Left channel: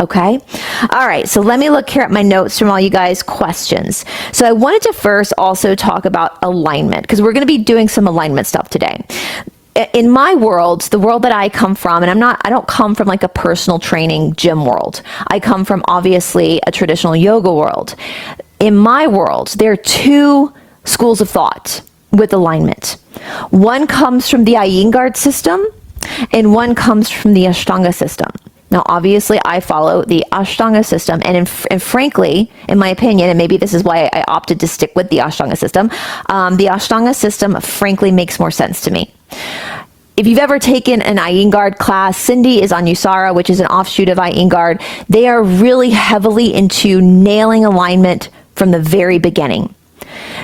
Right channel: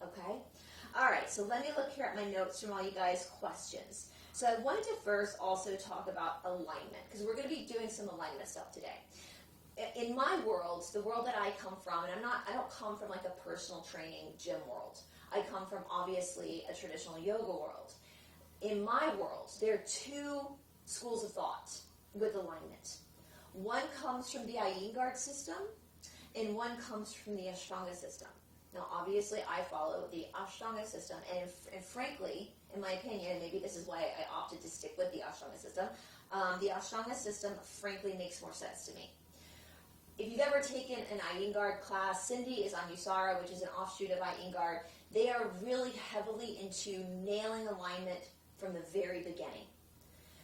Okay. All right. So let me look here at my notes from all you guys' questions. So I wanted to first also talk about alignment, because we're going to be doing some alignment stuff today. In my world, the world that I come from, and I don't come from like a personal training gym world. I come from obviously a traditional yoga world. In my world, there are two schools of thought with alignment. One comes from the Iyengar system and one comes from the Ashtanga system. Now, obviously, I follow the Ashtanga system, and frankly, in my opinion, and maybe this is why I opted to stick with the Ashtanga system, frankly makes more sense to me. If you've ever taken an Iyengar class, Cindy is on Usara, which is an offshoot of Iyengar. They are really heavily into nailing alignment from the very beginning,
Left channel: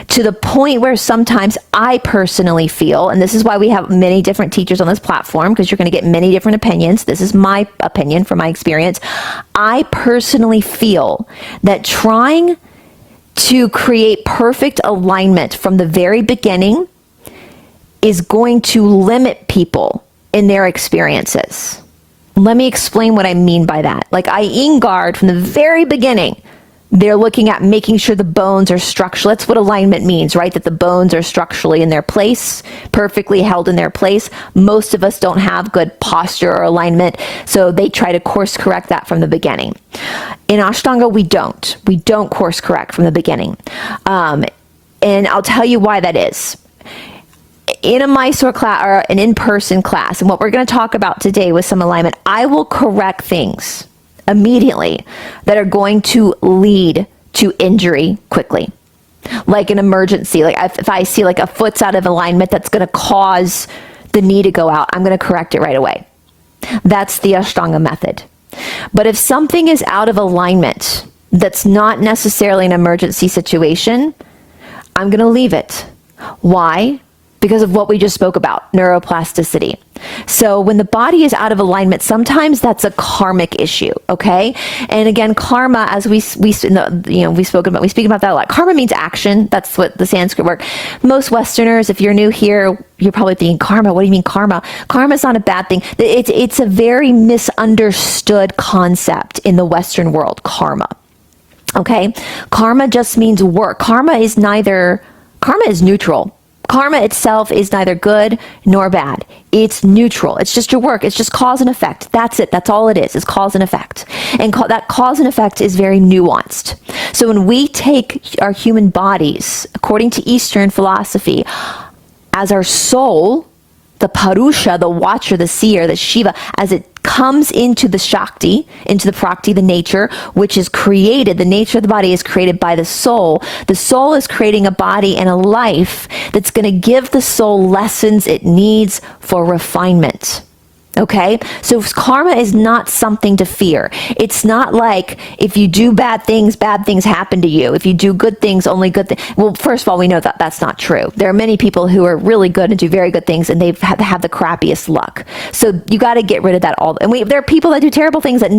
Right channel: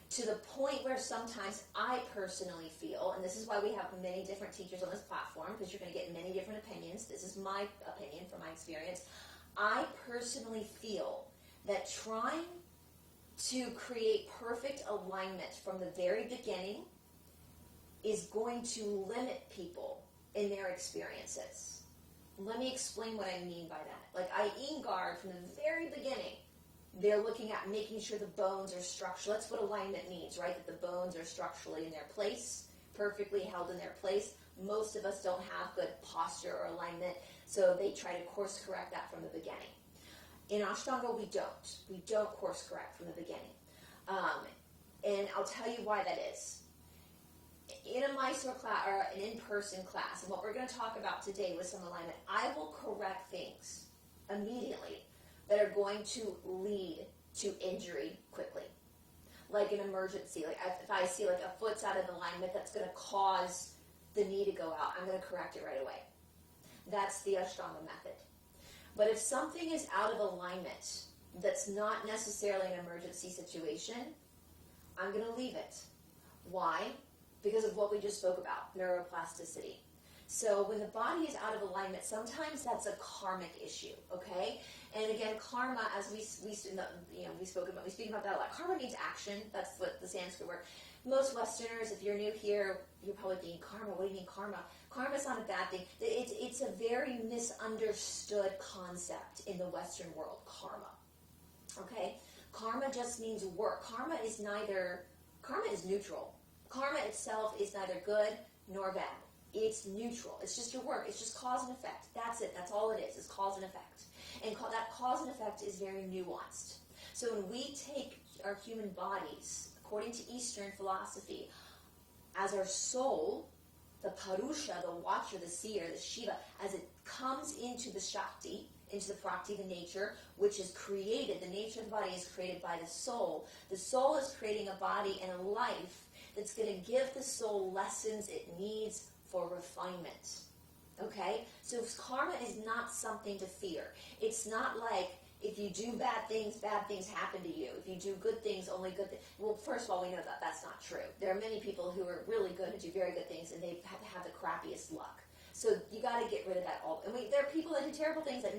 to the point where sometimes I personally feel, and this is why we have many different teachers on this platform, because you're going to get many different opinions. This is my opinion from my experience. I personally feel that trying to create perfect alignment from the very beginning is going to limit people in their experiences. Let me explain what I mean by that. Like Iyengar, from the very beginning, they're looking at making sure the bones are structural. That's what alignment means, right? That the bones are structurally in their place, perfectly held in their place. Most of us don't have good posture or alignment, so they try to course correct that from the beginning. In Ashtanga, we don't. We don't course correct from the beginning. And I'll tell you why that is. In a Mysore class or an in-person class, and what we're going to talk about today with some alignment, I will correct things immediately that are going to lead to injury quickly. Like an emergency, like if I see like a foot's out of alignment that's going to cause the knee to go out, I'm going to correct it right away. That's the Ashtanga method. But if something is out of alignment that's not necessarily an emergency situation, I'm going to leave it. Why? Because of what we just spoke about, neuroplasticity. So when the body is out of alignment, sometimes that's a karmic issue, okay? And again, karma, as we speak about that a lot. Karma means action. That's what the Sanskrit word. Most Westerners, if you're new here, you're probably thinking, karma, what do you mean karma? Karma is not a bad thing. It's a very misunderstood concept in the Western world, karma. Okay? Karma just means work. Karma is neutral. Karma itself is neither good nor bad. It's neutral. It's just your work. It's just cause and effect. That's it. That's all it is cause and effect. And that cause and effect is very nuanced. So when we take our human bodies, according to Eastern philosophy, as our soul, the Purusha, the watcher, the seer, the Shiva, as it comes into the Shakti, into the Prakti, the nature, which is created, the nature of the body is created by the soul. The soul is creating a body and a life that's going to give the soul lessons it needs for refinement. Okay? So karma is not something to fear. It's not like if you do bad things happen to you. If you do good things, only good things. Well, first of all, we know that that's not true. There are many people who are really good and do very good things, and they've have the crappiest luck. So you got to get rid of that all. And there are people that do terrible things that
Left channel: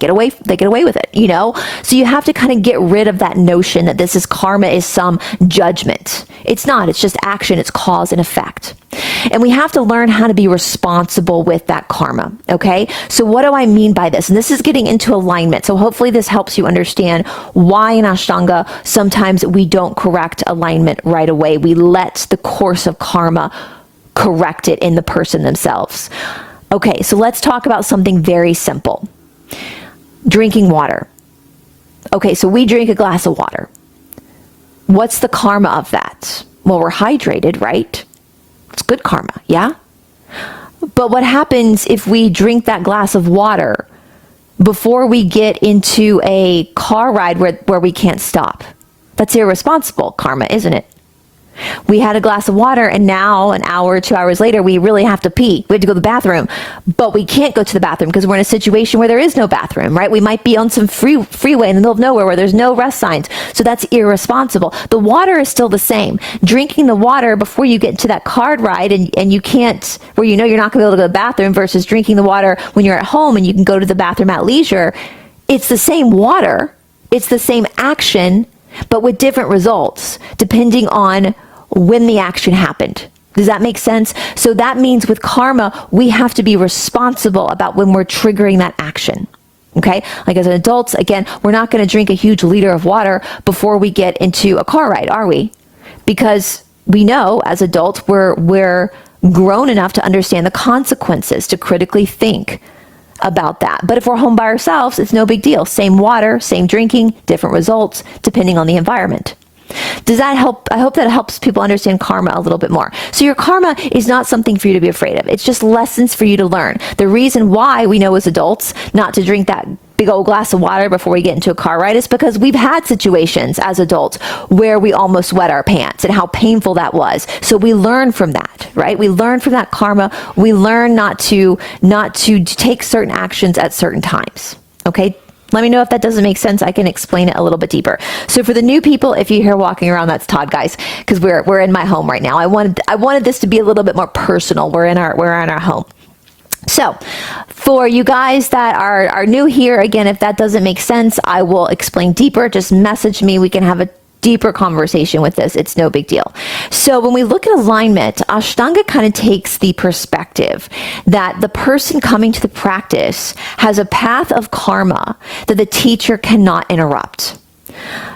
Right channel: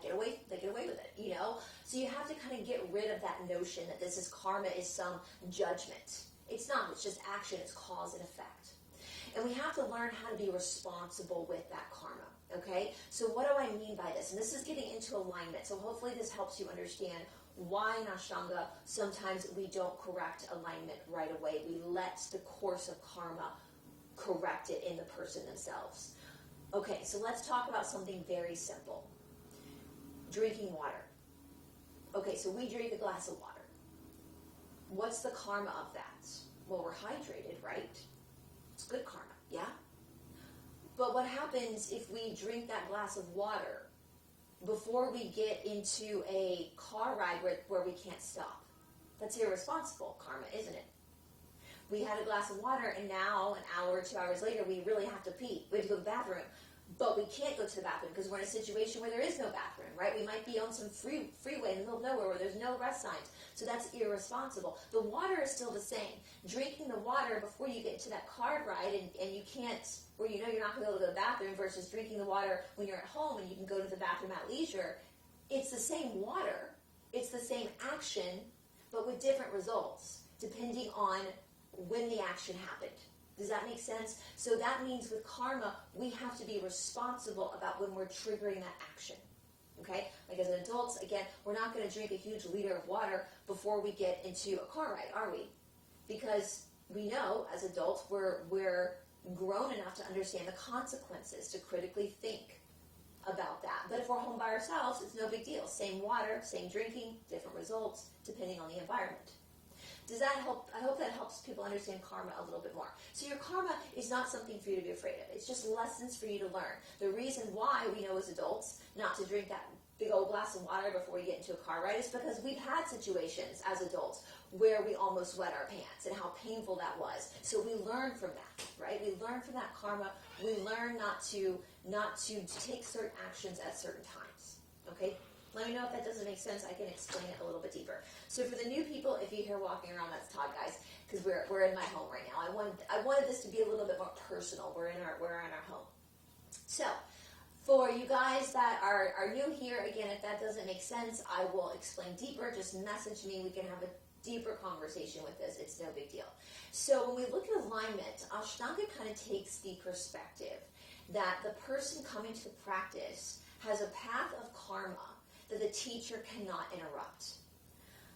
get away with it, you know? So you have to kind of get rid of that notion that this is karma is some judgment. It's not. It's just action. It's cause and effect. And we have to learn how to be responsible with that karma, okay? So what do I mean by this? And this is getting into alignment. So hopefully this helps you understand why in Ashtanga sometimes we don't correct alignment right away. We let the course of karma correct it in the person themselves. Okay, so let's talk about something very simple. Drinking water. Okay, so we drink a glass of water. What's the karma of that? Well, we're hydrated, right? It's good karma, yeah? But what happens if we drink that glass of water before we get into a car ride where we can't stop? That's irresponsible karma, isn't it? We had a glass of water and now an hour, 2 hours later, we really have to pee. We have to go to the bathroom, but we can't go to the bathroom because we're in a situation where there is no bathroom, right? We might be on some freeway in the middle of nowhere where there's no rest signs. So that's irresponsible. The water is still the same. Drinking the water before you get into that car ride and you can't, where you know you're not gonna be able to go to the bathroom versus drinking the water when you're at home and you can go to the bathroom at leisure. It's the same water. It's the same action, but with different results depending on when the action happened. Does that make sense? So that means with karma, we have to be responsible about when we're triggering that action. Okay, like as adults, again, we're not going to drink a huge liter of water before we get into a car ride, are we? Because we know as adults, we're grown enough to understand the consequences, to critically think about that. But if we're home by ourselves, it's no big deal. Same water, same drinking, different results, depending on the environment. Does that help? I hope that helps people understand karma a little bit more. So your karma is not something for you to be afraid of. It's just lessons for you to learn. The reason why we know as adults not to drink that big old glass of water before we get into a car ride is because we've had situations as adults where we almost wet our pants and how painful that was. So we learn from that, right? We learn from that karma. We learn not to take certain actions at certain times. Okay? Let me know if that doesn't make sense. I can explain it a little bit deeper. So for the new people, if you hear walking around, that's Todd, guys, because we're in my home right now. I wanted this to be a little bit more personal. We're in our home. So for you guys that are new here, again, if that doesn't make sense, I will explain deeper. Just message me. We can have a deeper conversation with this. It's no big deal. So when we look at alignment, Ashtanga kind of takes the perspective that the person coming to the practice has a path of karma that the teacher cannot interrupt,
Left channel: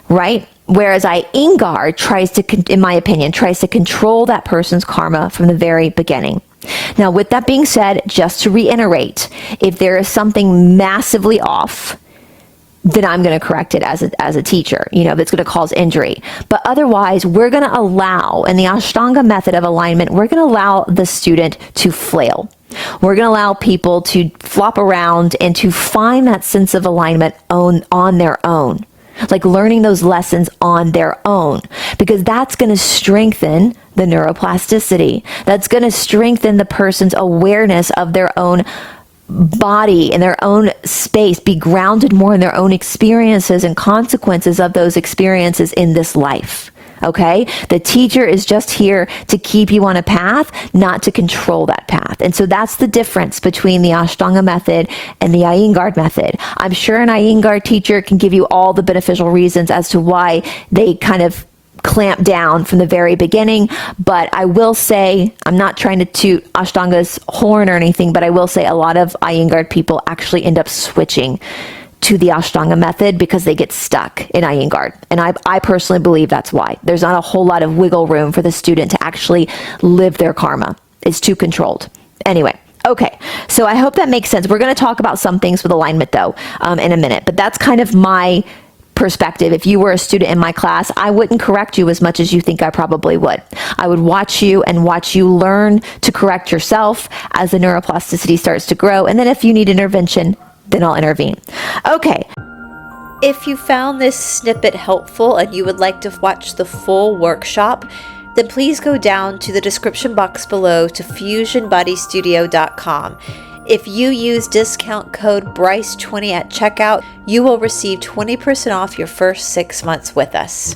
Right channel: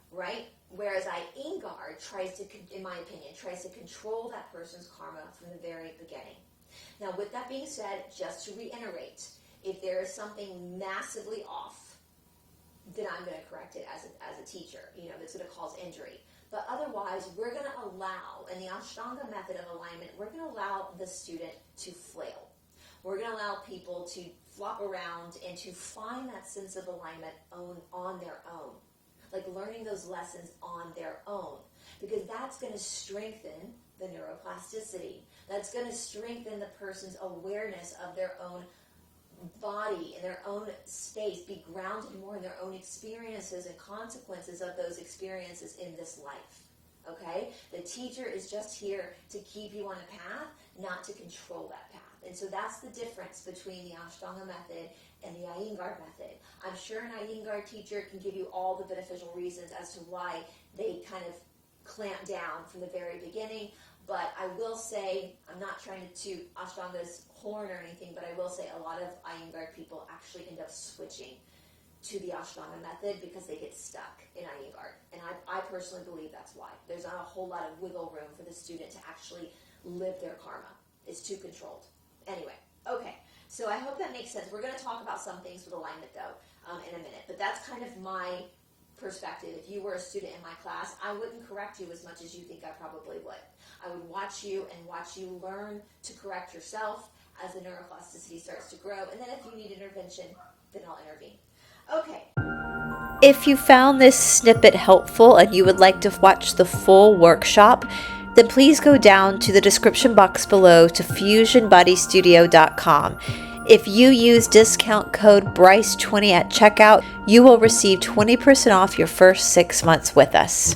right? Whereas Iyengar tries to, in my opinion, tries to control that person's karma from the very beginning. Now, with that being said, just to reiterate, if there is something massively off, then I'm going to correct it as a teacher, that's going to cause injury. But otherwise, we're going to allow, in the Ashtanga method of alignment, we're going to allow the student to flail. We're going to allow people to flop around and to find that sense of alignment on their own, like learning those lessons on their own, because that's going to strengthen the neuroplasticity. That's going to strengthen the person's awareness of their own body in their own space, be grounded more in their own experiences and consequences of those experiences in this life. Okay? The teacher is just here to keep you on a path, not to control that path. And so that's the difference between the Ashtanga method and the Iyengar method. I'm sure an Iyengar teacher can give you all the beneficial reasons as to why they kind of clamp down from the very beginning. But I will say, I'm not trying to toot Ashtanga's horn or anything, but I will say a lot of Iyengar people actually end up switching to the Ashtanga method because they get stuck in Iyengar. And I personally believe that's why. There's not a whole lot of wiggle room for the student to actually live their karma. It's too controlled. Anyway. Okay, so I hope that makes sense. We're going to talk about some things with alignment though in a minute, but that's kind of my perspective. If you were a student in my class, I wouldn't correct you as much as you think I probably would. I would watch you learn to correct yourself as the neuroplasticity starts to grow. And then if you need intervention, then I'll intervene. Okay. If you found this snippet helpful and you would like to watch the full workshop, then please go down to the description box below to fusionbodystudio.com. If you use discount code BRYCE20 at checkout, you will receive 20% off your first 6 months with us.